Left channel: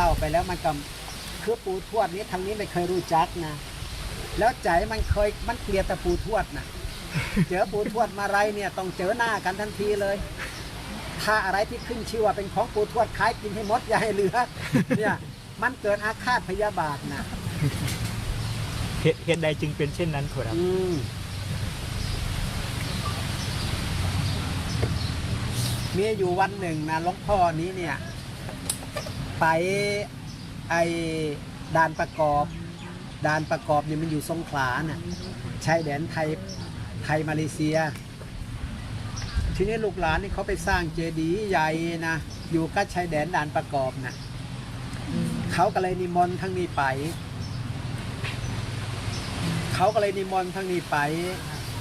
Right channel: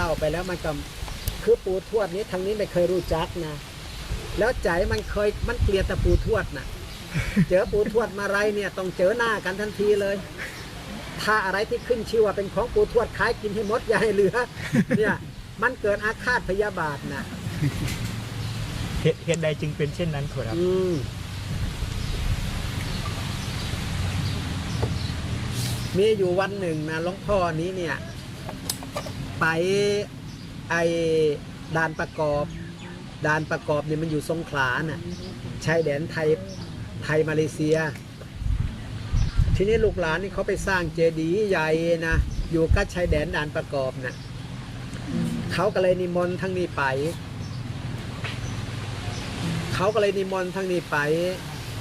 เล่าไปแล้วมันก็คือปูทวดนี้ทางนี้ไม่เคยรู้จักนะ แล้วใจมันเคยมันเกลียดแต่ปูทวดนะเจอปูทวดมาไรเนี่ยต้องเจอหน้ากันทันทีเลย ถ้าอะไรที่ขึ้นชื่อว่าเป็นของปูทวดขายกินให้หมดอย่าให้เหลือ เนี่ยมันเกิดอาฆาตพยาบาทนะเหตุเหตุใดจึงเป็นเช่นนั้นขอรับอืมมีอยู่วันหนึ่งนะหลวงพ่อนี้เนี่ย ไปไอด่านประกอบด่านประกอบเนี่ยมันอยู่สงขลาน่ะชายแดนไทยไทยมาเลเซีย ทีนี้ลูกหลานนี่เขาไปสร้างเจดีย์ใหญ่นะอยู่กับชายแดนด่านประกอบน่ะเขาก็เลยนิมนต์ทั้งนี้ไป เขาก็เลยนิมนต์ทั้งนี้ไป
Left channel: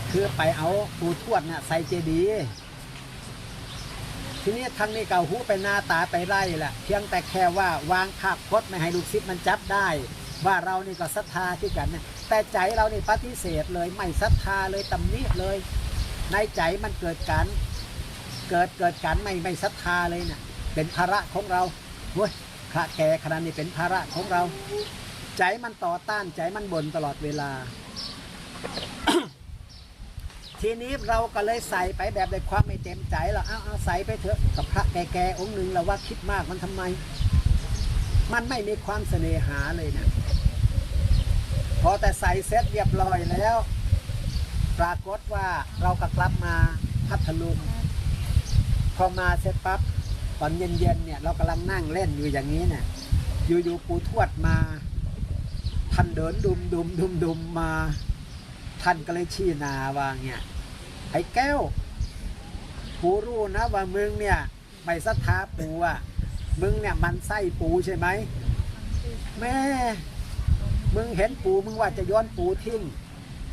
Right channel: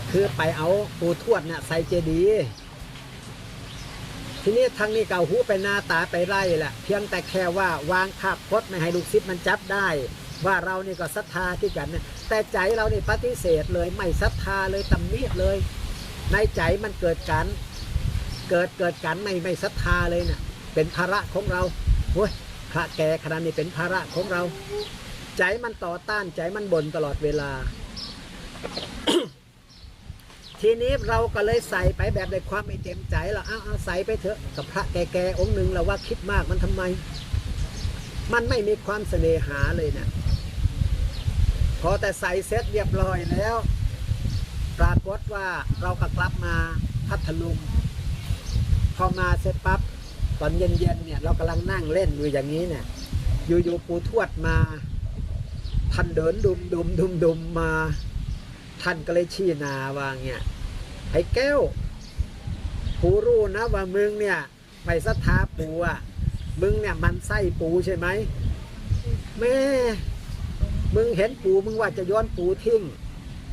เพื่อไปเอาปูทวดน่ะใส่เจดีย์ ทีนี้ทางนี้เก่าหูไปหน้าตาไปไล่แหละเพียงแต่แค่ว่าวางภาพพจน์ไม่ให้ลูกศิษย์มันจับได้ ว่าเรานี่ก็ศรัทธาที่กันนะแต่ใจเรานี่ปฏิเสธเลยไม่ศรัทธาเลยตำหนิเลย ในใจมันเกิดการเกิดเกิดการไม่ไม่ศรัทธาเลยน่ะเป็นภาระของเราเฮ้ยพระแก่ขนาดนี้เป็นภาระของเรา ใจมันต่อต้านใจมันบ่นตลอดเวลา ทีนี้เราก็เลยใส่ไปแบบในความไม่เต็มใจเราเอาเอาใส่ไปเถอะกับพระแก่ๆองค์หนึ่งเราว่าคิดมากมันทำไม มันไม่มีความเสน่หาเลยนะพอแต่ใส่เสร็จเรียบร้อยแล้ว ปรากฏว่าเราก็กลับมาพัทลุงพอมาเสร็จปั๊บตอนเย็นๆเนี่ยเรากำลังนั่งเล่นอยู่อย่างนี้เนี่ย อยู่ๆปูทวดมาท่านเดินดุมดุมดุมดุมมา ท่านก็เลยชี้นาว่าเงี้ยไอ้แก้วปูรู้นะว่ามึงเนี่ยไม่ศรัทธาปูอะมึงเนี่ยมันไส้ปูใช่ไหมแม่มึงเห็นปูมึงว่าจะย้อนปูทิ้ง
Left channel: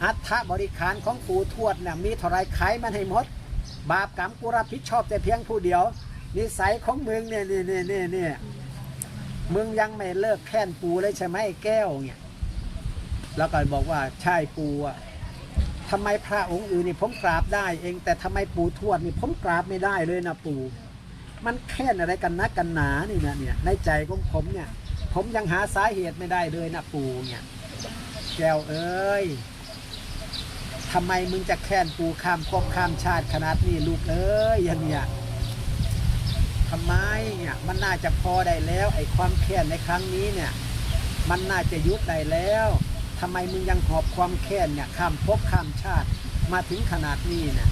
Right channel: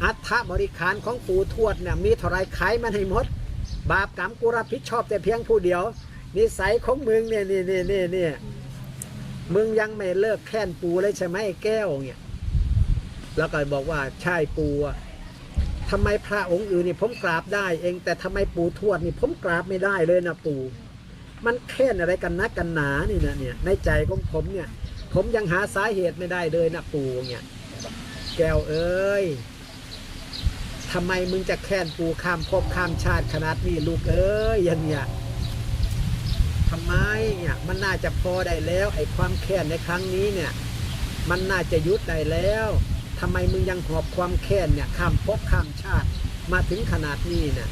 อัฐบริขารของปูทวดเนี่ยมีเท่าไรขายมันให้หมด บาปกรรมกูรับผิดชอบแต่เพียงผู้เดียว นิสัยของมึงเนี่ยนี่นี่นี่นี่มึงยังไม่เลิกแค้นปูเลยใช่ไหมแก้วเนี่ยแล้วก็บอกว่าใช่ปูอะ ทำไมพระองค์อื่นนี่ผมกราบได้เอง แต่ทำไมปู่ทวดนี่ผมกราบไม่ได้เลยนะปู่ มันแค้นอะไรกันนักกันหนานี่นะเนี่ยในใจของผมเนี่ย ผมยังหาสาเหตุไม่ได้เลยนะปู่เนี่ย แก้วเอ้ยทำไมมึงจะแค้นปู่ข้ามภพข้ามชาติขนาดนี้ลูกเอ้ยอย่างเนี้ยทำไมเนี่ยมันน่าจะพอได้แล้ว ไอ้ความแค้นในครั้งนี้เนี่ย มันน่าจะยุดได้แล้ว ทำไมมึงยังหอบความแค้นเนี่ยข้ามภพข้ามชาติมาถึงขนาดนี้เนี่ย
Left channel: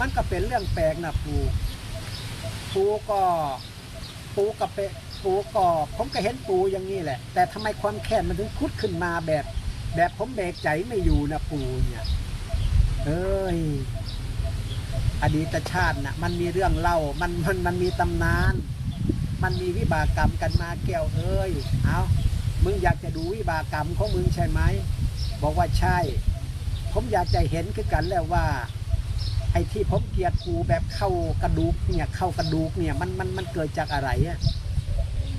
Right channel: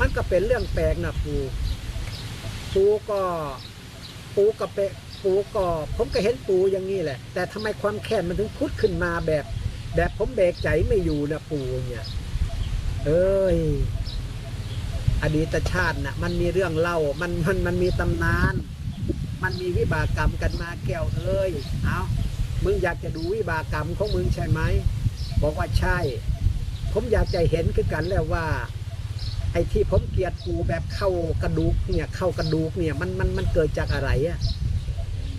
มันก็เป็นเรื่องแปลกนะปูปูก็ปูกับเปปูก็ผมก็เห็นปูอย่างนี้แหละ แต่ทำไมความแค้นมันถึงพุดขึ้นมาแบบ แบบผมเบรกใจไม่อยู่นะปูเนี่ยเอ้ยอดีตชาติน่ะมันมีเรื่องเล่ามันมันมันมีตำนาน มันมีวิบากกรรมกันมาแก้วเอ้ยเอา มึงอยากจะดูวิบากกรรมของมึงใช่ไหม บอกว่าใช่ ผมอยากจะเห็นคือกันแล้วว่า ไอ้ที่ผมเกลียดปูแบบเข้ากระดูกเนี่ยเข้ากระดูกเนี่ยมันมันมันเกิดจากอะไรอะ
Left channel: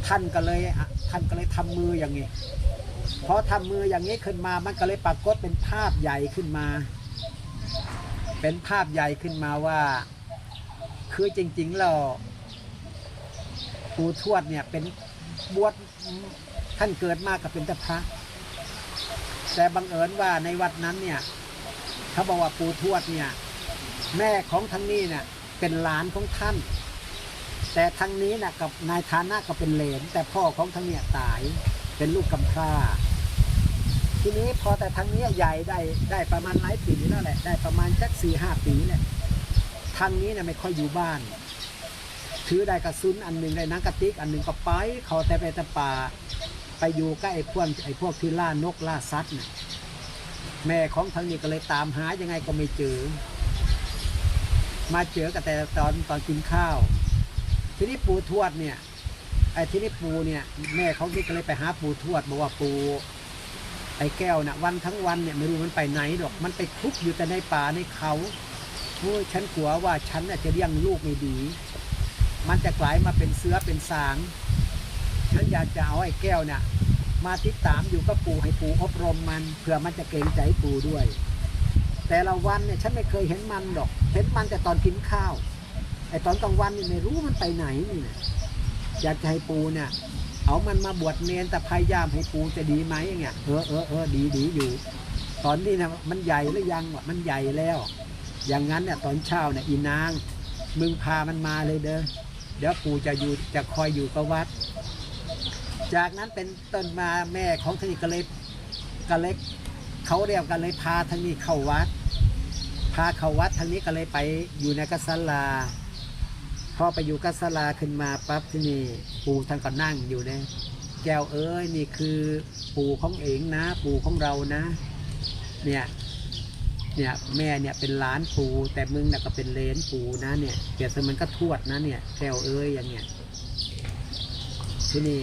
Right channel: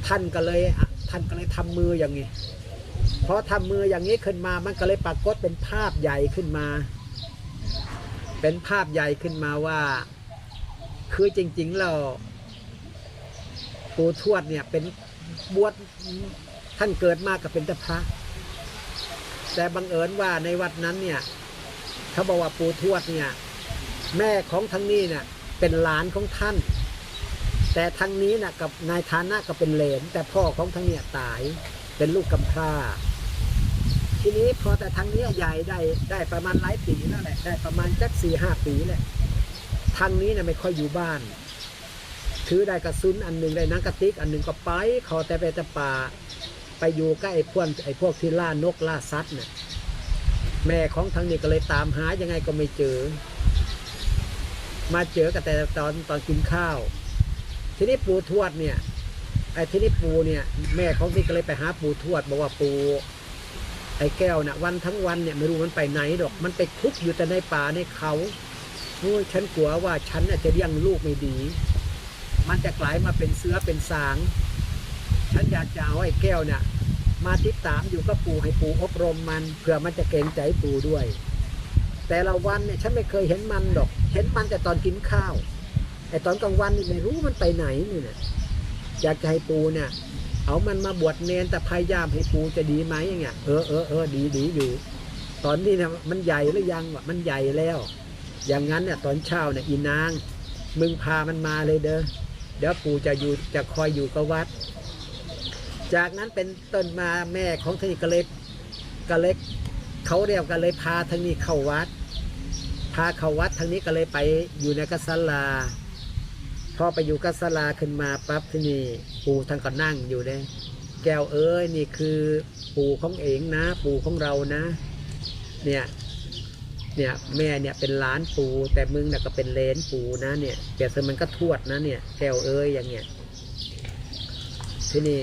ท่านก็เลยอะท่านก็เลยทำมืออย่างนี้พอทำมืออย่างนี้ขึ้นมามันก็เลยปรากฏเป็นภาพใหญ่ขึ้นมา เป็นภาพใหญ่ขึ้นมาว่า คือจริงๆแล้วปูทวดเนี่ยเป็นบวช ท่านเกิดมากับเป็นตะพระ แต่บังเอิญว่าในวัดนั้นเนี่ยเขาบอกว่าปูทวดเนี่ย แม่ของทั้งนี้เนี่ยเป็นหลานของท่าน แต่ทั้งนี้นะกับนายฐานะก็เป็นเหลนแต่พ่อของทั้งเนี่ยตายเป็นลูกกำพร้าทีนี้พอแต่ทั้งนี้ใหญ่ได้ได้ประมาณหลายปีแล้วแหละได้ประมาณจักสี่ห้าปีแหละทางนี้เนี่ยไม่ค่อยอยู่บ้าน ถือได้กระสุนอันหนึ่งได้นังกระติกอันหนึ่งก็ไปขาแต่ไปแต่ป่า ไปอยู่ใกล้ไอ้พวกไอ้พวกที่ล่านกล่าสัตว์เนี่ยแม่ของทางนี้ก็เลยตามหายังไงก็ไม่เจอ มาเจอกันแต่ตอนตอนกินข้าว ทีนี้ปูทวดเนี่ยไอ้ทีนี้ปูเนี่ย แม่ของที่ก็เลยไปหาปูทวด บอกว่าปูไอ้แก้วน่ะวันทั้งวันเนี่ยไม่รู้มันไปไหนดอกมันไปคุกอยู่แต่ในป่าในเขาโอ้ยฉันกลัวว่าฉันน่ะจะเลี้ยงลูกไม่ดี มันจะกลายมาเป็นเสือเป็นสาง ฉันอยากจะเอาไอ้แก้วเนี่ยมาติดตามอยู่กับปู่ให้ปู่อบรมมันเผื่อมันจะเกรงใจปู่ด้วย แต่ละวันเนี่ยฉันไม่เคยเห็นมันดอก เห็นมันแต่ตอนกินข้าวแต่ตอนกลางวันนี่ไม่รู้มันไปไหนนี่นะอยากจะให้ปูเนี่ยเอามันมาบวชเนนแต่พยายามให้ปูจะดีไหมอย่างเงี้ยเออเออเออดีดีอยู่ ตอนนี้นะมันใหญ่หรือยังวะมันใหญ่แล้ว อย่างนั้นเนี่ยตอนเช้าเนี่ยอีนาง มึงพามันมาเลยเด้อเดี๋ยวปู่จะอยู่จะคอยอยู่กับวัด จากนั้นเป็นต้นมาแม่ของทางนี้ก็เลยก็เลยเขาเรียกกันเลยพาทางนี้เข้าวัด พาเข้าวัดทางนี้ก็เลยไปอยู่ในกัสลาพอไปอยู่กัสลาขึ้นมาปั๊บที่นี่ปู่ท่านก็นั่งอยู่เลยแก้วเอ้ยนี่คือปู่ของเองนะ ปู่ของเรานะ เนี่ยเนี่ยแม่เนี่ยเป็นหล้านปู่แต่มึงน่ะก็เป็นเลนปู่นะเนี่ยเปรียบเสมือนก็ทวดนะเนี่ยแก้วเอ้ยอย่างเงี้ยที่นี่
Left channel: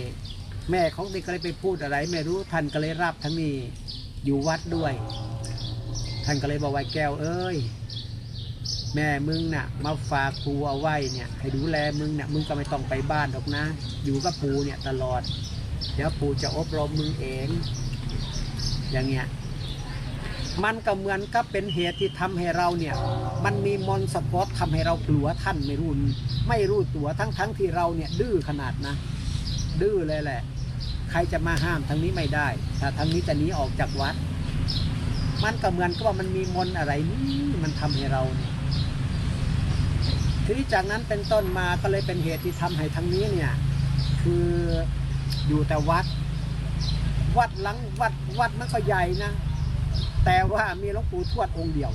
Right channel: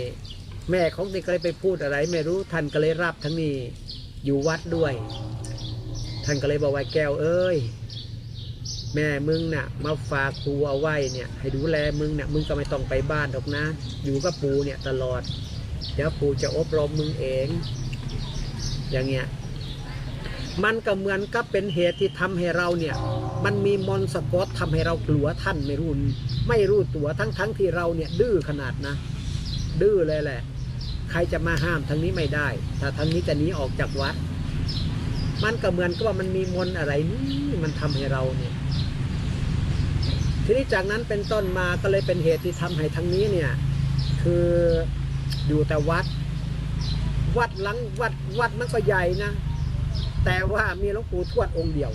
แม่ของนี่ก็เลยไปพูดอะไร ไม่รู้ท่านก็เลยรับทั้งนี้อยู่วัดด้วย ท่านก็เลยบอกว่าแก้วเอ้ย แม่มึงน่ะ มาฝากปูเอาไว้เนี่ย ให้ดูแลมึงเนี่ยมึงก็ไม่ต้องไปบ้านหรอกนะ อยู่กับปูเนี่ยตลอดเดี๋ยวปูจะอบรมมึงเอง อย่างเงี้ยมันก็เหมือนกับเป็นเหตุที่ทำให้เราเนี่ย มันมีมอนสะกดทำให้เรากลัวท่านไม่รู้ไม่รู้ตัวทั้งทั้งที่เราเนี่ยดื้อขนาดนะ ดื้อเลยแหละ ใครจะมาห้ามทางนี้ไม่ได้ ถ้าทางนี้จะหนีออกจากวัด มันก็เหมือนกับว่ามันมีมนอะไรนี่มันทำให้เราเนี่ยทีนี้จากนั้นเป็นต้นมาก็เลยเป็นเหตุที่ทำให้ทางนี้เนี่ย คืออยู่แต่วัด วัดหลังวัดวัดมันก็ใหญ่นะแต่ว่ามีหลวงปู่ทวดองค์เดียว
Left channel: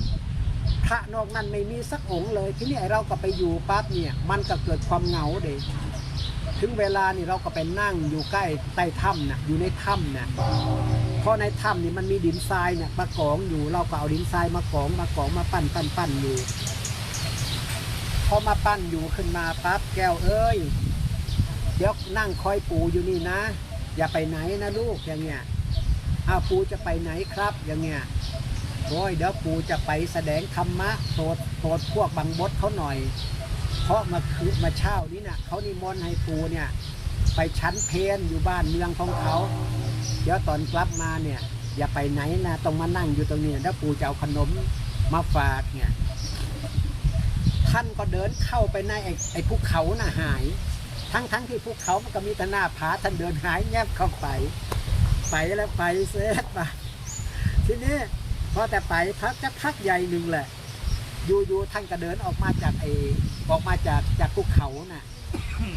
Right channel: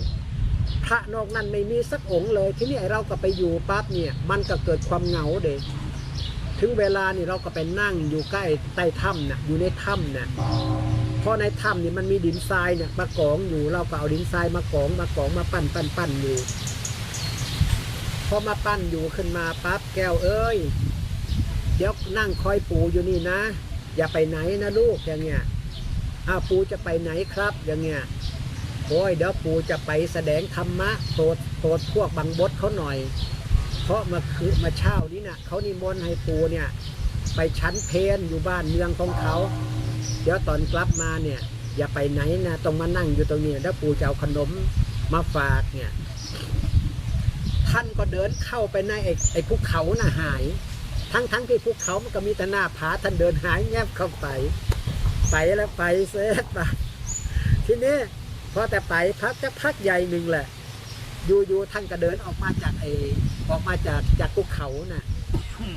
พระนอกนั้นไม่มีสักองค์เลย ทีนี้ไอเราก็ไปอยู่ปั๊บเนี่ย มันก็เกิดความเหงาเด็ ถึงเวลานี่เราก็ไปนั่งอยู่ใกล้ใต้ถ้ำน่ะอยู่ในถ้ำน่ะเพราะในถ้ำนี่มันมีดินทรายเนี่ยมากองอยู่เราก็เอาดินทรายมากองมากองมาปั้นปั้นปั้นอยู่พอมาปั้นอยู่ขึ้นมาปั๊บแก้วเอ้ยเดี๋ยวนั่งคอยปูอยู่นี่นะ อย่าไปไหนนะลูกอย่างเงี้ยอ้าวปูจะไปไหนครับอย่างเงี้ยโอ้ยเดี๋ยวปูจะไปแสดงธรรมะโปรดโปรดพวกบังบดเขาหน่อย เพราะมาคือมาเช่านี้นะ่ะเขานิมนต์ให้ปูเนี่ย ไปชั้นเพนอยู่บ้านเมืองของเขา เดี๋ยวตอนกลับมาเนี่ย อย่าไปไหนนะต้องมานั่งอยู่ตรงนี้แล้วปูจะเอาขนมมาฝากเนี่ย ท่านก็เดินเข้าไปในไอ้ไอ้ภูเขาน่ะหาย ทั้งทั้งที่ภูเขามันก็มีแต่หน้าผาท่านเดินหายแงบเข้าไป ไปแล้วไปเสร็จปะทีนี้พอแต่ไปพักจะพักใหญ่หนึ่งแหละ อยู่ๆท่านก็เดินออกมาจากไอ้ออกมาจากจากภูเขาน่ะ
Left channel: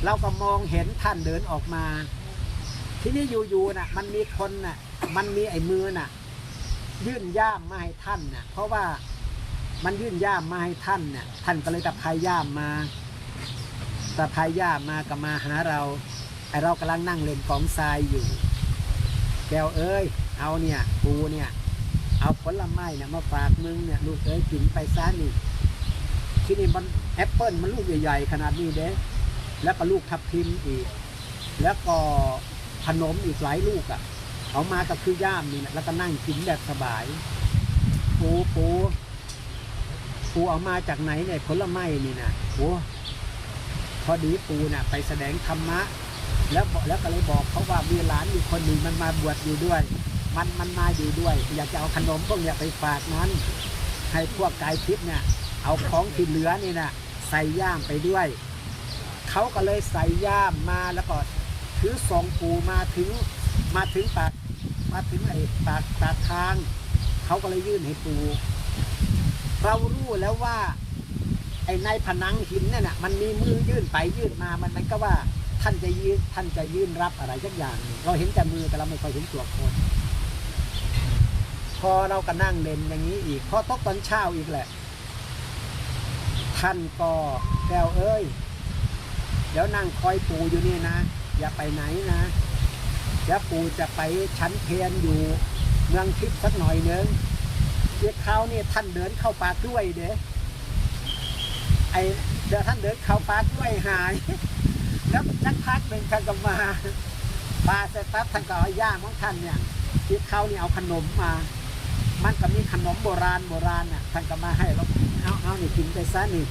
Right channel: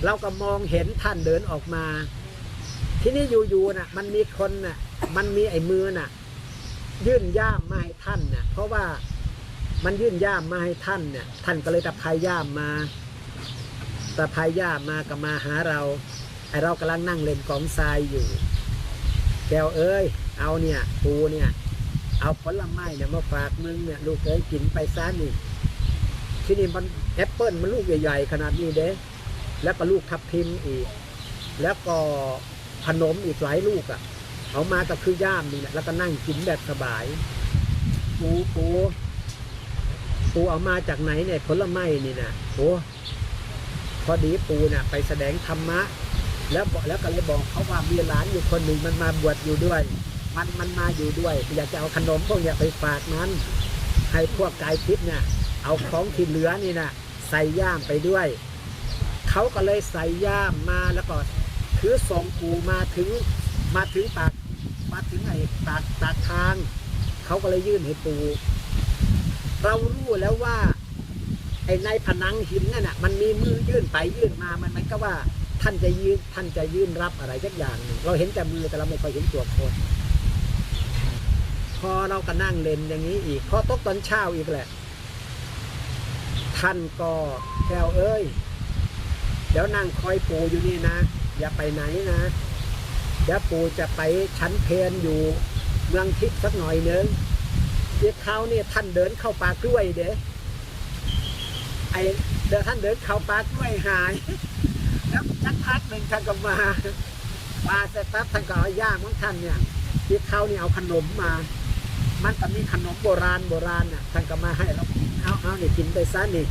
เราก็มองเห็นท่านเดินออกมา ทีนี้อยู่ๆน่ะ มันมีคนน่ะ มันมีไอ้มือน่ะ ยื่นย่ามมาให้ท่านน่ะ เพราะว่ามันยื่นย่ามมาให้ท่านเนี่ยท่านก็เลยตะพายย่ามมาตะพายย่ามมาก็มาหาเราไอเรากำลังนั่งเล่นกองทรายอยู่ แก้วเอ้ย เอาเนี่ยปูเนี่ย เอาผลไม้เนี่ยมาฝากมึงเนี่ยลูกเอ้ยกินไปซะนี่ที่นี่มันแอปเปิลมันลูกใหญ่ๆขนาดนี้เด้ แล้วก็ลูกทับทิมอีก แล้วก็ขนมอีกหลายลูกอะ่ะ เอามาก็คือย่ามนี่แหละแล้วก็นั่งกินแบบสบาย ปูปูปูเอามาจากไหนเนี่ยผลไม้นี่นะโอ้พอดีปูน่ะ ไปแสดงธรรมะ แล้วแล้วก็เลยบอกเขาว่ามีหลานอยู่คนหนึ่งมันมาบวชอยู่ด้วย มันมันมาอยู่ด้วย อยากจะเอาขนมพวกเนี้ยไปฝากนั้นให้พวกกายทิพย์เนี่ย เอาของที่เหลือนี่นะใส่ย่ามไปด้วย เขาก็เลยใส่ย่ามมาแล้วก็ถือส่งปูมาถึงมาถึงปากมาถึงไอ้ปากปากทาง เขาก็เลยยื่นให้ปูเรารู้แล้วว่า ไอ้ในผนังหินนั่นน่ะมันมีมือยื่นไปยื่นมามันมันก็ว่าท่านจะยืนท่านจะยื่นรับอะไรสักอย่างหนึ่งเราเห็นแต่มือแต่เราไม่ค่อยเห็นตัวคน พอเราก็นั่งเล่นอย่างนี้อีกพอตกตอนเช้าอีกแหละ ท่านก็แก้วเอ้ย เดี๋ยวนั่งคอยปูอยู่นี่นะ อย่าไปไหนนะเดี๋ยวปูจะไปชั้นเพนอยู่เมืองทิพย์สักหน่อยนึงเดี๋ยวเขานี่ท่านเดินเข้าป่ากล้วยเด้ไอเดี๋ยวท่านเดินเข้าป่ากล้วยหายแล้วสักพักหนึ่งท่านก็มามาเสร็จปั๊บท่านก็เอาย่ามของท่านเนี่ยที่เขานี่เอาขนมมา มันก็มีขนมโบราณโบราณน่ะท่านก็มาให้แล้วเอาเอานี่กินไปซะนี่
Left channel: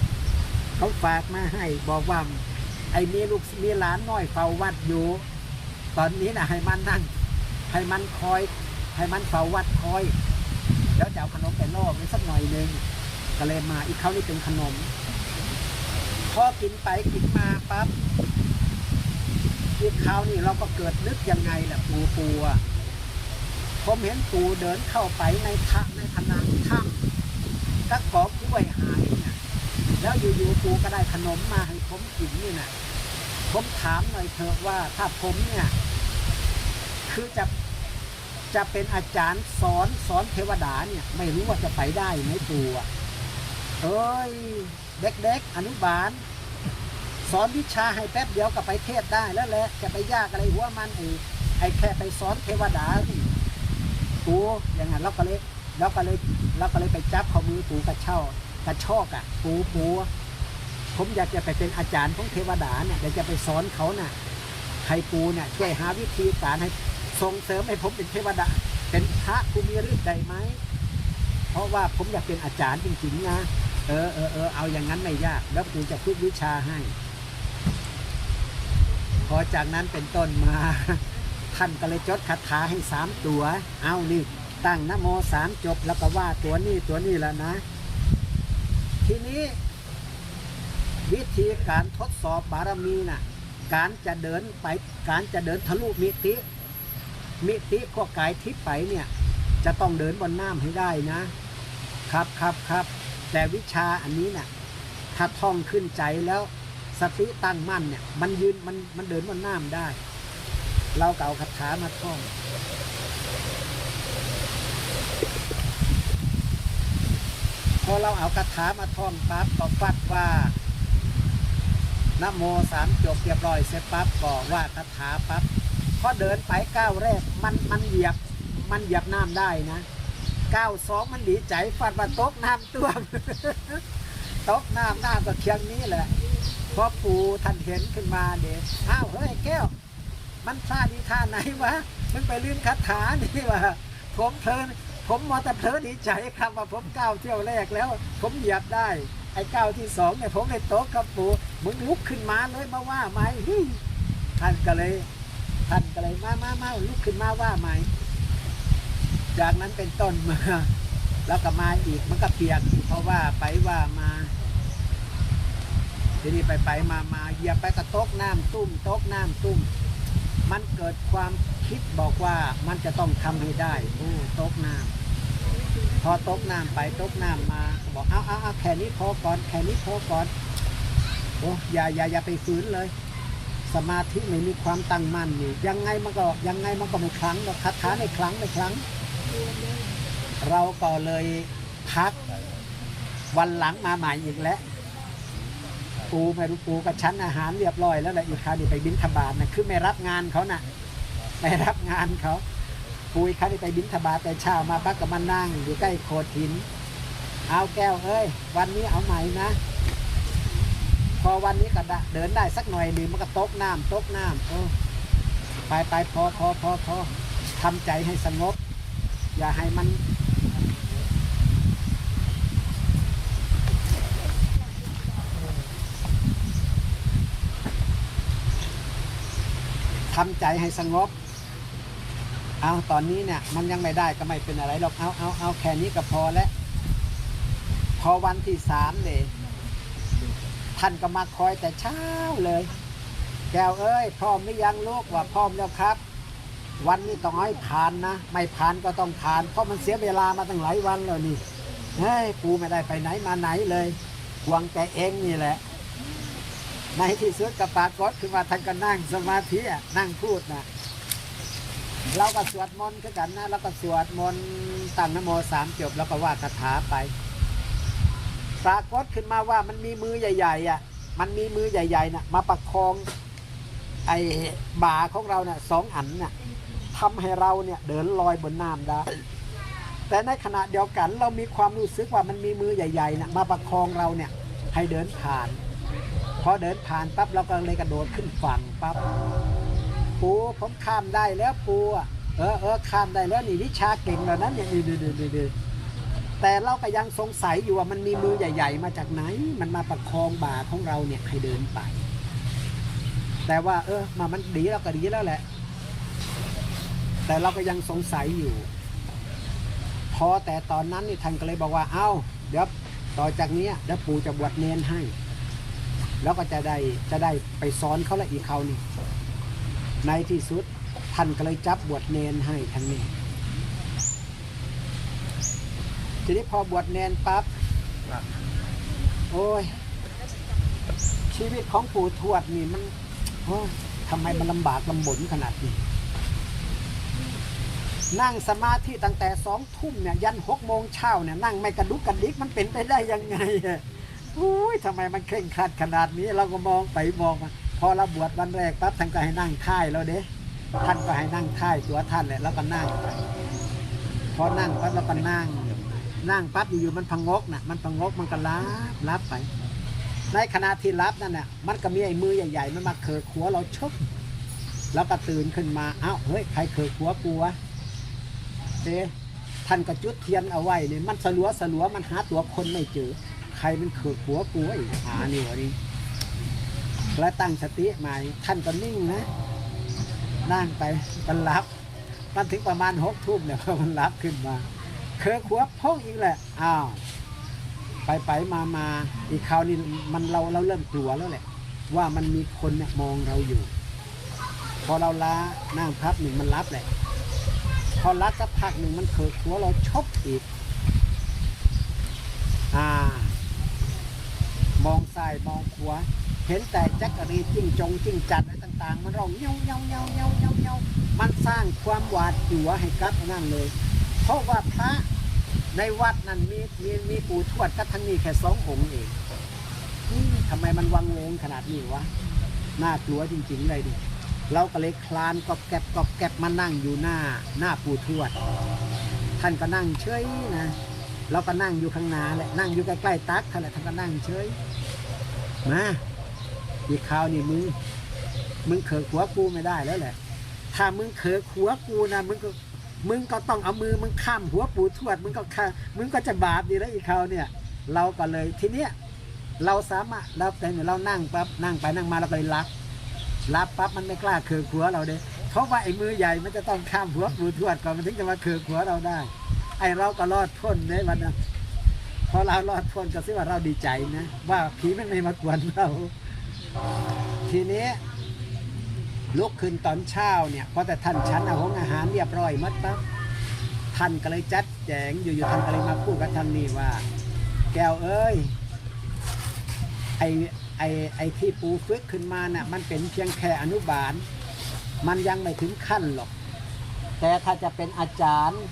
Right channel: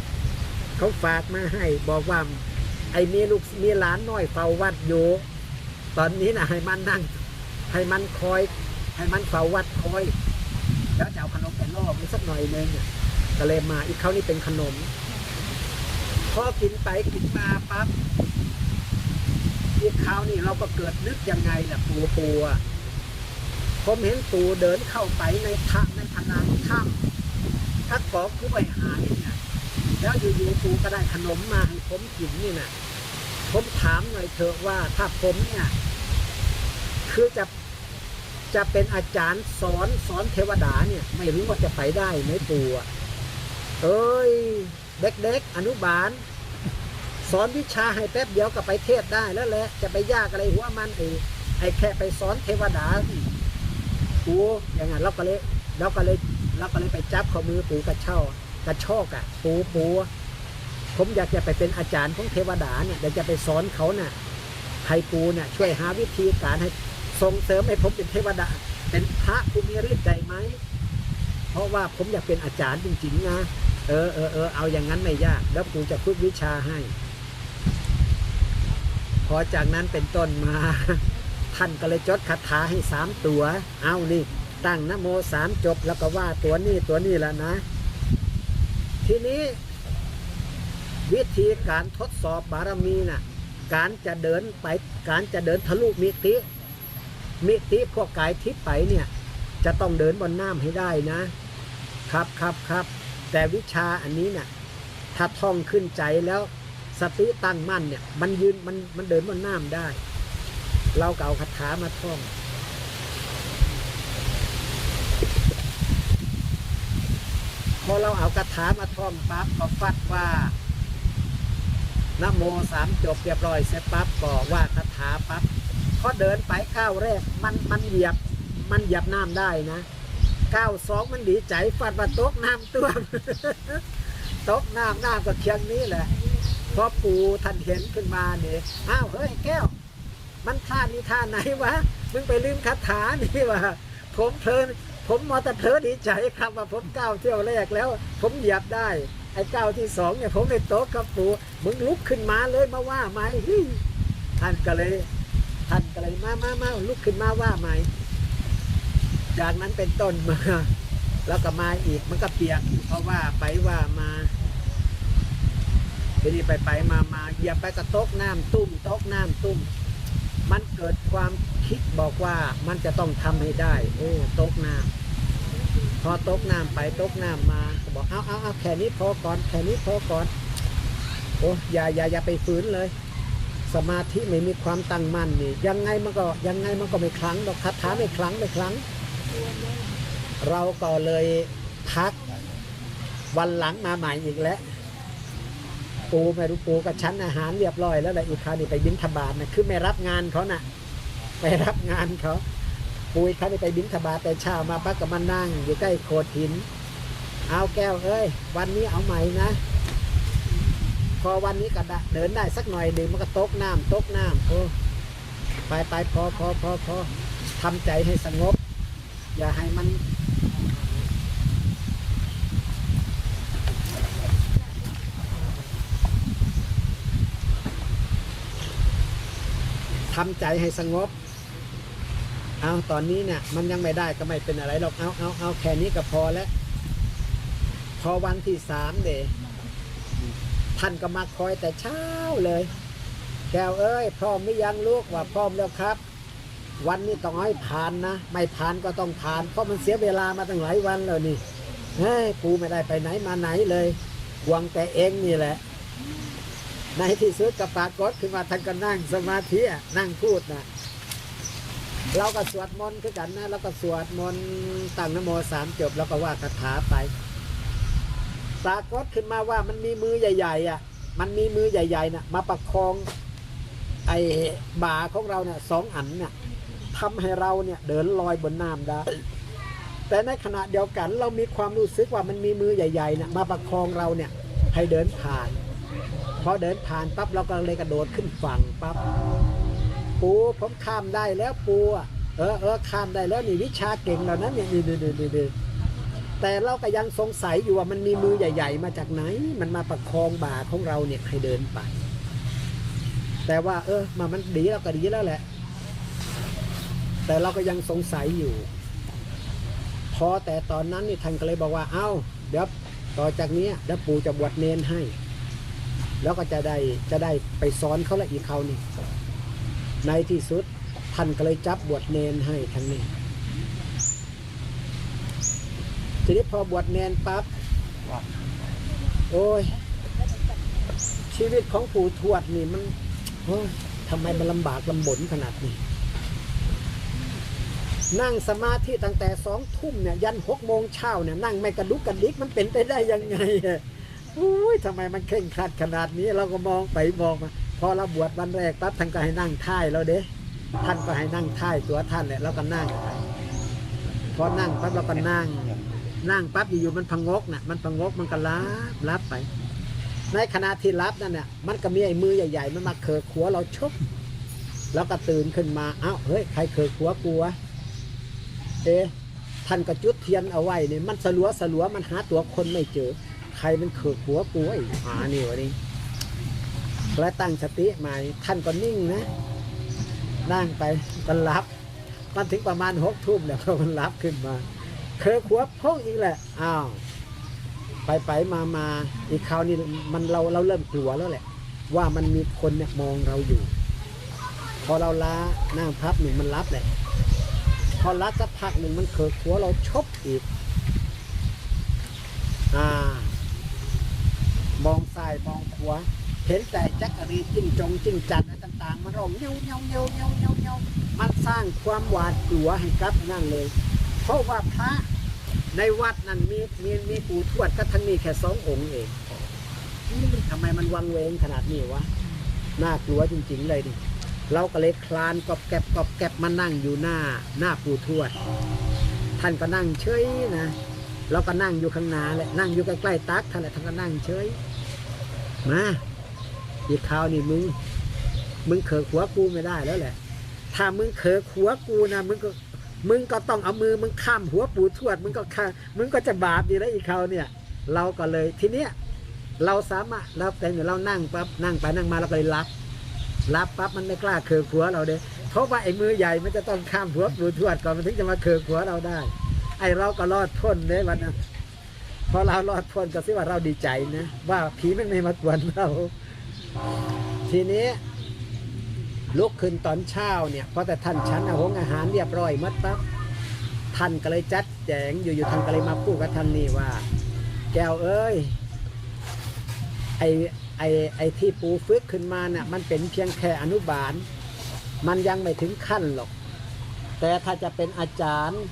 เขาฝากมาให้บอกว่าไอ้มีลูกมีหลานน้อยเฝ้าวัดอยู่ ตอนนี้นะให้มันนั่ง ให้มันคอย ให้มันเฝ้าวัดคอย แล้วจะเอาขนมไปล่อมันสักหน่อยนึงก็เลยมาอีกเขานี่เป็นขนมพอกินไปกินมาปั๊บอีกคราวนี่เราก็เกิดนึกยังไงล่ะปูปูอะ ผมเห็นปูเดินเข้าไปในทางในผนังถ้ำตะกอกกล้วยหายนี่ยแล้วอยู่ๆปูก็ได้ขนมมาให้ผมกินนี่นะผมถามหน่อยเถอะว่าถ้าผมเนี่ย คือจะจะเป็นอาจารย์สอนสอนเทวดาเนี่ย ไม่รู้ว่าจะไปได้ไหมปูอะเอ้ย เด็กๆอนุบาล สอนวิชาให้แป๊บเดียวก็ไปเทศได้แล้วแหละจะไปยากอะไรหัวมันไอ้ไอ้แค่ไปสอนเทวดานีู่อย่างนั้นเราก็เลยเราก็เลยเราก็เลยไปจับข้อมือปูกระเช่ากระชอกอะปูปูผมอยากจะไปเป็นอาจารย์ของเทวดาเนี่ยอยากจะไปสอนเขาน่ะให้ปูเนี่ยช่วยหาวิธีการให้ส่งเสริมให้ผมเป็นเทวดา เป็นพระผู้มีฤทธิ์ได้ไหมเพราะว่าผมอยากเป็นอาจารย์จริงๆนะเออเออเออเอาอย่างนั้นไม่ยากแล้วกูจะฝึกวิชาให้ พอจากนั้นเป็นต้นมา ท่านก็เลยจดคาถาให้สามตัว เอานี่ ตั้งนโมสามจบแล้วก็ว่าตัวนี้ตัวนี้แล้วนะ ทีนี้ วิธีการทดสอบบารมีน่ะ การจะเดินไป การจะเดินทะลุมิติ มิติพวกกายทิพย์ไปเนี่ย จะต้องเดินบนน้ำให้ได้นะ ครับครับครับ แต่วิชาอันนี้น่ะ ถ้าท่องขึ้นใจแล้วสติตั้งมั่นเนี่ย มันยืนมันมันเดินบนน้ำได้ เราก็เอาคาถามาท่องพอเราเอาคาถามาท่องปั๊บก็ฟัดว่านโมสามจบเรียบร้อยเสร็จปั๊บก็ว่าคาถาปั๊บพอเดินไปก้าวแรกมันมันเหยียบมันเหยียบน้ำได้นะก้าวสองมันดีใจฟัดว่าตกน้ำตัวมตกน้ำน้ำก็เคียงนี้แหละพอปู่ท่านเห็นขึ้นมาเนี่ยอ้าวเฮ้ยแก้ว มันท่านี้ท่าไหนวะมึงไปลืมคาถานี่วะผมเพลิน ผมมอแต่เพลินดีใจครับว่าผมก้าวเที่ยวแรกแล้ว ผมเหยียบได้ ไอ้ก้าวที่สองเนี่ยผมไม่โต๊ะกับปูมึงลุกขึ้นมาเลยมาว่าไหมเฮ้ยท่านก็เลยท่านก็เลยมามามาลุกขึ้นมาว่าไหมจากนั้นเป็นต้นมาแล้วก็มาอีกมันก็เปียกเพราะว่าไปว่ามาทีนี้ไปไปมามาเหยียบไปกระตกน้ำตุ้มตกน้ำตุ้ม มันเกิดความคิดบอกว่ามันจะต้องทำให้ได้ โอ้ตกน้ำพอตกน้ำไปตกน้ำมาบอกเอาเอาเอาแค่นี้พอก่อนแค่นี้พอก่อนโอ้อย่าอย่าอย่าไปฝืนเลย สมาธิไม่มีความตั้งมั่นนี่ยังไงมันก็ยังไงมันก็ไม่คลังหรอกคาถาไม่คลังไม่คลังเราก็เลยพักวันหลังมาใหม่อีกแล้ว ปูไม่รู้ปูกับชั้นอาหารเรียบร้อยแล้วแหละอีกคราวนี้ไปบินทบาทนะคือไม่รับงานเขานะ่ะไปรับงานเขาปูอีกคราวนี้ไปบินทบาทแต่เช้ามาพักกับมานั่ง อยู่ใกล้โขดหิน เอาแก้วเอ้ย วันนี้เอาใหม่นะ พอวันนี้ก็ได้เดินได้สักหน่อยหนึ่งมันก็ตกน้ำตกน้ำโอ้ไปไปพอพอพอพอทำใจให้สงบ อย่าให้มัน ทำใจให้สงบ เอาตอนนี้เนี่ยมันยังไม่ได้ก็ไม่เป็นอะไรหรอกเอาเอาเอาแค่นี้ก็พอแล้วพอวันที่สามเดท่านก็มาคอยแต่เช้าเลย แก้วเอ้ยพร้อมหรือยังลูกว่าพร้อมแล้วครับ วันนี้ต้องให้ผ่านนะ ไม่ผ่านก็ต้องผ่าน เพราะมันเสียเวลามาตั้งหลายวันแล้วนี่เฮ้ยกูไม่ได้ไปไหนมาไหนเลยหวังแต่เองนี่แหละ ในที่สุดกับปรากฏคือว่าท่านก็นั่งสมาธินั่งพูดนะเราก็สวดมนต์คือกันนะแล้วก็สวดมนต์ตั้งนโมสามจบ แล้วก็ว่าคาถาไปปรากฏขึ้นมาว่ามันมีมือใหญ่ๆอะ มันมีมือใหญ่ๆน่ะ มาประคอง ไอ้บ่าของเราเนี่ยสองอันเนี่ยทำให้เราเนี่ย เดินลอยบนน้ำได้แต่ในขณะเดียวกันเรามีความรู้สึกว่ามันมีมือใหญ่ๆนี่ยมาประคองเราเนี่ย ให้เดินผ่าน พอเดินผ่านปั๊บเราก็เลยกระโดดขึ้นฝั่งปั๊บปูผมข้ามได้แล้วปูเออเออข้ามได้แล้วนี่วิชาเก่งแล้วนะนี่นี่นี่นี่นี่แต่เราก็ยังสงสัยอยู่ว่ามันมีมือใหญ่ ๆ มาจากไหน มันมาประคองบ่าของเราเนี่ยให้เดินไป แต่ว่า เออ มามันดีแล้วก็ดีแล้วแหละ แต่เราก็ยังสงสัยอยู่ พอแต่ตอนนั้นนี่ท่านก็เลยบอกว่า เอ้า เดี๋ยวต่อจากนี้เดี๋ยวปู่จะบวชเนนให้ แล้วก็จะได้จะได้ไปสอนเขาละอีกเขานี่ในที่สุดท่านก็เลยจับบวชเนนให้ทั้งนี้ทีนี้พอบวชเนนปั๊บครับโอ้ย ชีวิตของปู่ทวดนี่มันทำไมมันลำบากลำบนขนาดนี้ นั่งสมาธิตั้งแต่สองทุ่มเนี่ย ยันหกโมงเช้าเนี่ย นั่งไม่กระดุกกระดิกมันเป็นไปได้ยังไง อุ้ยทำไมมันเคร่งครัดขนาดนี้เราก็มองไปมองมาพอเราบวชวันแรกปั๊บท่านก็ให้นั่งท่ายเราเด้ท่านก็ให้นั่งท่ายตัวท่านเนี่ยเราก็นั่งพอนั่งปั๊บเราก็นั่ง นั่งปั๊บอยู่ๆมันพังงกน่ะ มันพังงกมันก็ลับลับไป ในขณะที่รับนั่นน่ะมันก็มีไอ้มือใหญ่ ๆ มันมาเขกหัวเราชกแล้วก็ตื่นขึ้นมาเอ้าเฮ้ยใครเขกหัวกูวเอ๊ะท่านก็จุดเทียนเอาไว้เนี่ยมันสลัวสลัวมันหาตัวคนไม่เจอ ใครมันเขกหัวกูไอ้หานี่วะนี่และตั้งสติใหม่ท่านก็นิ่งนะนั่งไปมันรับ มันถึงประมาณหกทุ่มเนี่ยพอมันรับขึ้นมา เคิร์หัวพ่องอีกแหละอ้าวไปไปมามาอีกคราวนี้มันเราเราเริ่มกลัวแล้วแหละ ว่ามันมีคนเนี่ยมองเราอยู่ พอเราล้านั่งพับหนึ่งมันรับแหละพอรับสักพักหนึ่งมันเคิร์หัวเราชกอีก อ่า มองซ้ายมองขวาเห็นแต่จักรีจิ้งจงจิ้งจัดอะไรต่างๆ มันร้องเงาเงาเงาเงาเงาเงามันสร้างความหวาดกลัวให้กับนั่นเลย เพราะว่าพระในวัดนั้นมีมีมีปู่ทวดก็ทั้งนี้แค่สององค์เองนี่ทำไมมันวังเวงขนาดนี้วะน่ากลัวจริงๆเลยดิเราก็เลยคลานกอบแกบกอบแกบมานั่งอยู่หน้าหน้าปู่ทวด ท่านก็นั่งเฉยนะเราก็นั่งอยู่ข้างหน้าแหละนั่งอยู่ใกล้ๆตักท่านแหละท่านก็นั่งเฉย มาอีกคราวนี่มึง มึงเขอหัวกูไม่ได้แล้วแหละ ถ้ามึงเขอหัวกูนะมึงก็มึงก็ต้องเอามือมึงข้ามหัวปูทวด มึงก็ข้ามึงก็จะบาปดีแล้วอีกคราวเนี่ย เราก็เลยทีเนี้ยเราสามารถเราแต่อยู่เรานั่งปั๊บนั่งไปนั่งมาเราก็เลยรับรับปั๊บมันไม่กล้าเคือหัวเราเด้เพราะว่าไอ้มือใหญ่มันจะต้องข้ามหัวปูทวดก่อนมันถึงจะมาเคือหัวเราได้ ไอ้เราก็รอดพ้นเลยวันนั้น พอเรารอดพ้นก็สิว่าเราดีใจนะว่าผีมันไม่มากวนเรา ทีนี้ลุกขึ้นตอนเช้าเนี่ยพอแต่ท่านฉันอาหงอาหารเรียบร้อยมัดปั๊บท่านก็เลยจัดแจงอยู่ๆท่านก็เลยมาพูดกับท่านนี่ว่า แก้วเอ้ยไอไอไอที่ปูฝึกขึ้นมาน่ะมันเป็นเพียงแค่อนุบาล มันยังไม่ถึงขั้นหรอก แต่ถ้าจะเป็นอาจารย์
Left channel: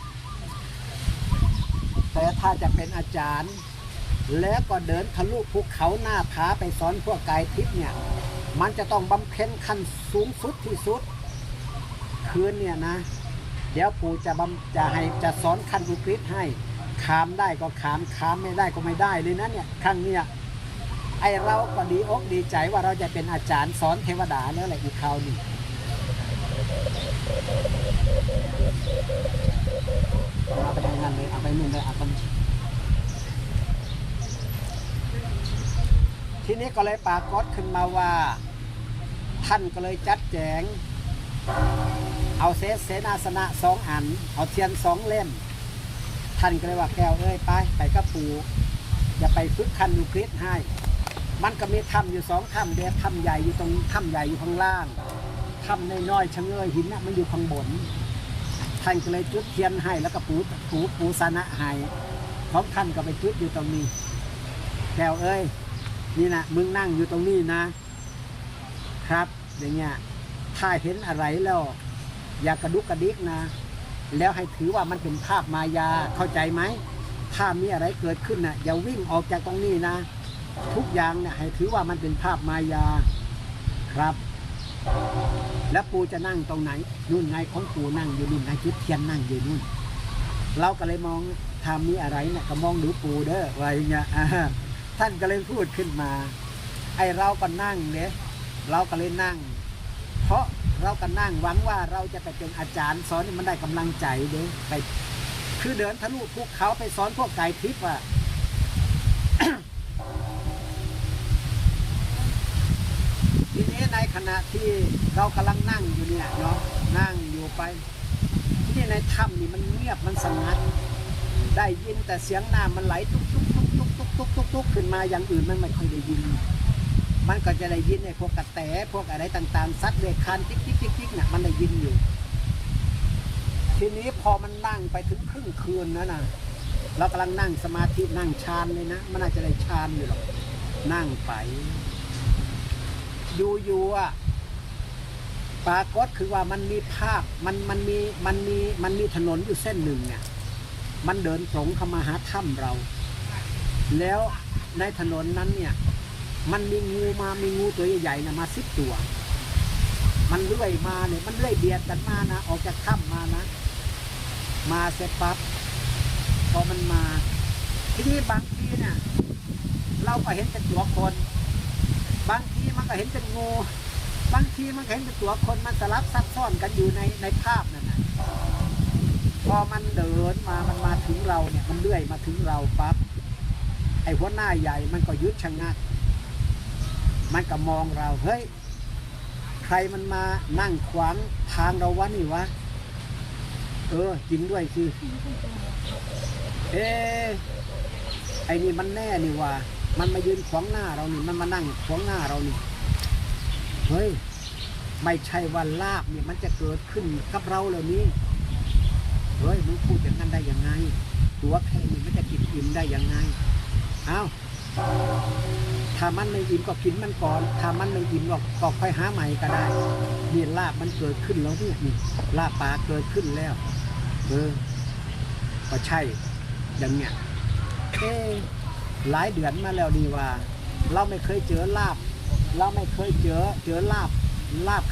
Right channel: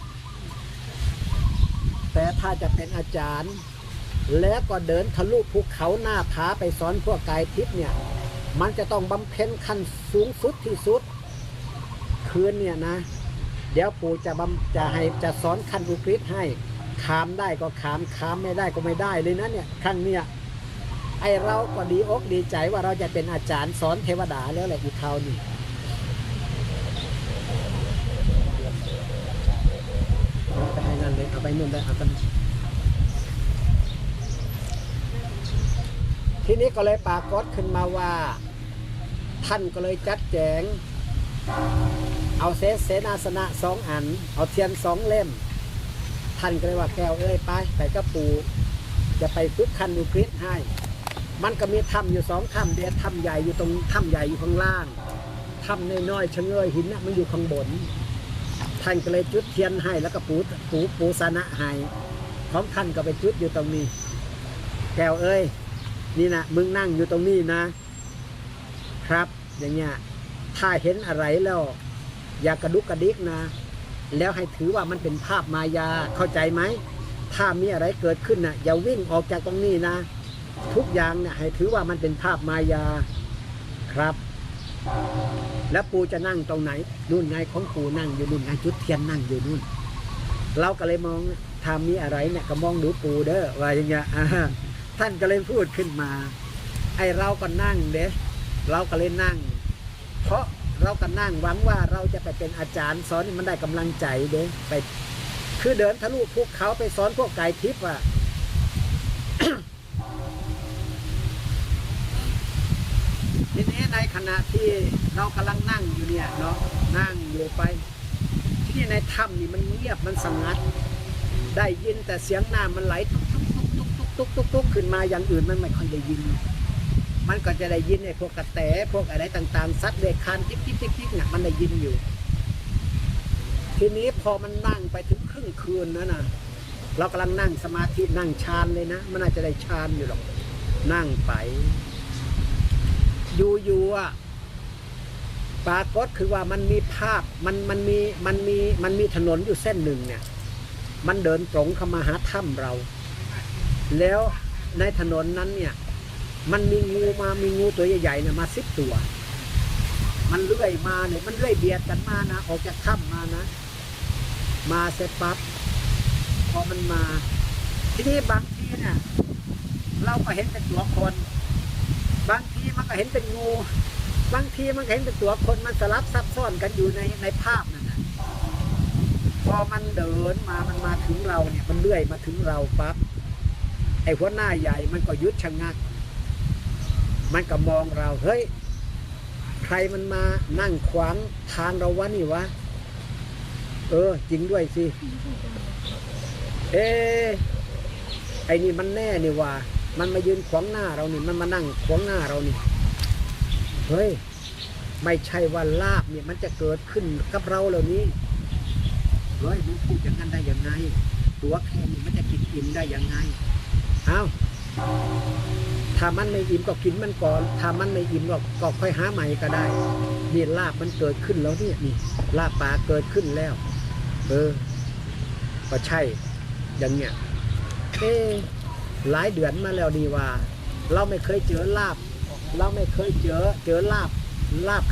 แต่ถ้าจะเป็นอาจารย์ แล้วก็เดินทะลุภูเขาหน้าผาไปสอนพวกกายทิพย์เนี่ย มันจะต้องบำเพ็ญขั้นสูงสุดที่สุด คืนเนี่ยนะ เดี๋ยวปู่จะบำจะให้จะสอนขั้นอุกฤษให้ขามได้ก็ขามขามไม่ได้ก็ไม่ได้เลยนะเนี่ยครั้งเนี่ยไอเราก็ดีอกดีใจว่าเราจะเป็นอาจารย์สอนเทวดาแล้วแหละอีกคราวนี้ เอาไปนั่นเลยเอาไปนู่นเลยเอาไปทีนี้ก็เลยปากฏขึ้นมาว่า ท่านก็เลยจัดแจง เอาเสเสนาสนะสองอัน เอาเทียนสองเล่ม ท่านก็เลยว่าแก้วเอ้ยไปไปกับปูจะไปฝึกคันนิวคลิปให้ มันก็มีถ้ำอยู่สองถ้ำเดียวถ้ำใหญ่อยู่ตรงถ้ำใหญ่อยู่ข้างล่างถ้ำน้อยๆชะเงยหินน่ะมันอยู่ข้างบน ท่านก็เลยจุดเทียนให้แล้วก็ปูปูปูสนะให้ของท่านก็ไปจุดอยู่ตรงนี้ แก้วเอ้ย นี่นะมึงนั่งอยู่ตรงนี้นะ ครับ อย่างเงี้ยถ้าเห็นอะไรแล้ว อย่ากระดุกกระดิกนะ แล้วให้ถือว่ามันเป็นภาพมายาเข้าใจไหมถ้ามีอะไรเกิดขึ้นนะ่ะอย่าวิ่งออกจากตรงนี้นะ ทุกอย่างเนี่ยให้ถือว่ามันเป็นภาพมายาครับ แล้วปูจะนั่งตรงไหนนู่นไงของปูนั่งอยู่นู่นไงจุดเทียนนั่งอยู่นู่น เราก็เลยมองถ้ามีอะไรเนี่ยก็มองดูปูเด้อว่าอย่างเงี้ยท่านก็เลยพูดขึ้นมา ไอเราก็นั่งเด้เราก็เลยนั่ง เพราะเราก็นั่งหวังว่าเราจะไปเป็นอาจารย์สอนมันได้กำลังใจเด้ไป คือเดินทะลุภูเขาไปสอนพวกไก่ทิพย์อะ ทีนี้ในขณะที่เรากำลังนั่งอยู่เนี่ยเนาะนั่งอยู่ไป ที่นี่ในถ้ำนี่มันเงียบมันสงัด ได้ยินแต่เสียงน้ำมันไหลตุกตุกตุกตุกตุกตุกตุกตุกขึ้นมาอย่างอื่นมันไม่ค่อยได้ยิน มันก็จะได้ยินไอ้พวกกระแตพวกอะไรต่างๆซัดเด็กคันจิ๊กจิ๊กจิ๊กจิ๊กเนี่ยมันได้ยินอยู่ ทีนี้พอมันนั่งไปถึงครึ่งคืนนั้นน่ะเรากำลังนั่งสมาธินั่งฌานเลยนะ มันอาจจะได้ฌานอยู่หรอกนั่งไป อยู่ๆอะปรากฏคือว่ามันมีภาพมันมันมีมันมีมันมีถนนอยู่เส้นหนึ่งเนี่ย มันเดินตรงเข้ามาหาถ้ำเรา แล้วในถนนนั้นเนี่ย มันมีงูมามีงูตัวใหญ่ๆนะมาสิบตัว มันเลื่อยมาเนี่ยมันเลื่อยเบียดกันมานะออกจากถ้ำมานะ มาเสร็จปั๊บพอมันมา ทีนี้บางทีเนี่ยเราก็เห็นเป็นตัวคน บางทีมันก็เห็นเป็นงู บางทีมันก็เห็นเป็นตัวคนมันสลับซับซ้อนกันอยู่ในในภาพนั่นนะพอมันเดินมามันมาถึงเราเนี่ย มันเลื่อยมาถึงเราปั๊บไอ้หัวหน้าใหญ่มันก็ยุดชะงัก มันก็มองเราเฮ้ยใครมันมานั่งขวางทางเราวะนี่วะเออจริงด้วยสิเอ๊ะไอ้นี่มันแน่นี่ว่า มันมายืนขวางหน้าเรานี่ มันมานั่งขวางหน้าเรานี่ เฮ้ย ไม่ใช่ว่าลาบเนี่ยมันจะเกิดขึ้นกับเราเหล่านี้ เฮ้ยมึงพูดอย่างนั้นได้ยังไง ตัวแค่นี้มันจะกินอิ่มได้ยังไง เอาถ้ามันไม่อิ่มก็กินมันก่อน ถ้ามันไม่อิ่มก็ก็ค่อยหาใหม่ก็ได้นี่ลาบมันเกิดขึ้นแล้วนี่นี่ลาบปลาเกิดขึ้นแล้ว เออ ก็ใช่อย่างเนี้ยเอ๊ หลายเดือนมาแล้วดีว่า เราไม่เคยเจอลาบ เราไม่เคยเจอเจอลาบลาบ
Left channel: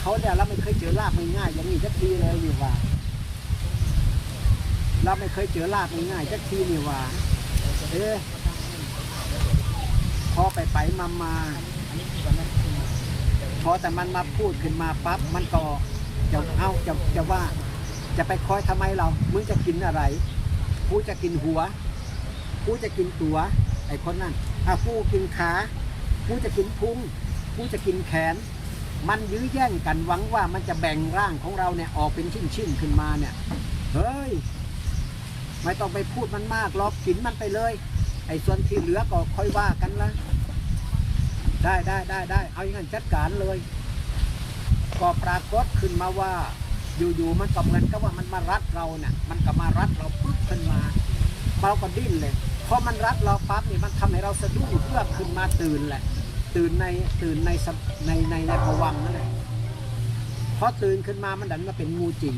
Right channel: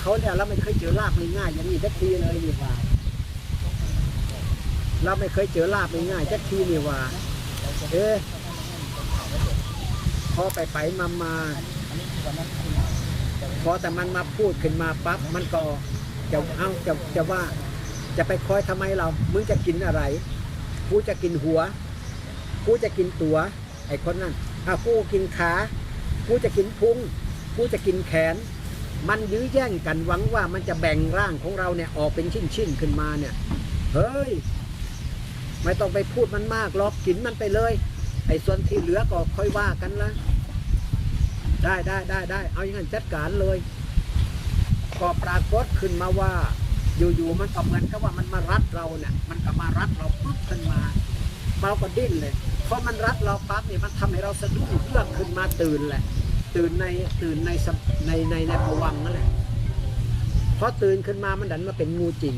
เขาเนี่ยเราไม่เคยเจอลาบง่ายๆอย่างนี้สักทีเลยอยู่ว่า เราไม่เคยเจอลาบง่ายๆสักทีนี่ว่า เอ๊ะพอไปไปมามาพอแต่มันมาพูดขึ้นมาปั๊บมันก็จะเอาจะจะว่า จะไปคอยทำไมเรามึงจะกินอะไรกูจะกินหัว กูจะกินตัว ไอ้คนนั้นถ้ากูกินขา กูจะกินพุง กูจะกินแขน มันยื้อแย่งกันหวังว่ามันจะแบ่งร่างของเราเนี่ยออกเป็นชิ้นๆขึ้นมาเนี่ย เฮ้ย ไม่ต้องไปพูดมันมากหรอกกินมันไปเลย ไอ้ส่วนที่เหลือก็ค่อยว่ากันละได้ได้ได้ได้ เอาอย่างนั้นจัดการเลย ก็ปรากฏขึ้นมาว่า อยู่ๆมันก็เหมือนกับว่ามันมารัดเราเนี่ยมันก็มารัดเราปุ๊บขึ้นมาเราก็ดิ้นเลย พอมันรัดเราปั๊บเนี่ยมันทำให้เราสะดุ้งเพื่อขึ้นมาตื่นแหละ ตื่นในตื่นในในในในภวังนั่นแหละพอตื่นขึ้นมามันดันมาเป็นงูจิ๋ง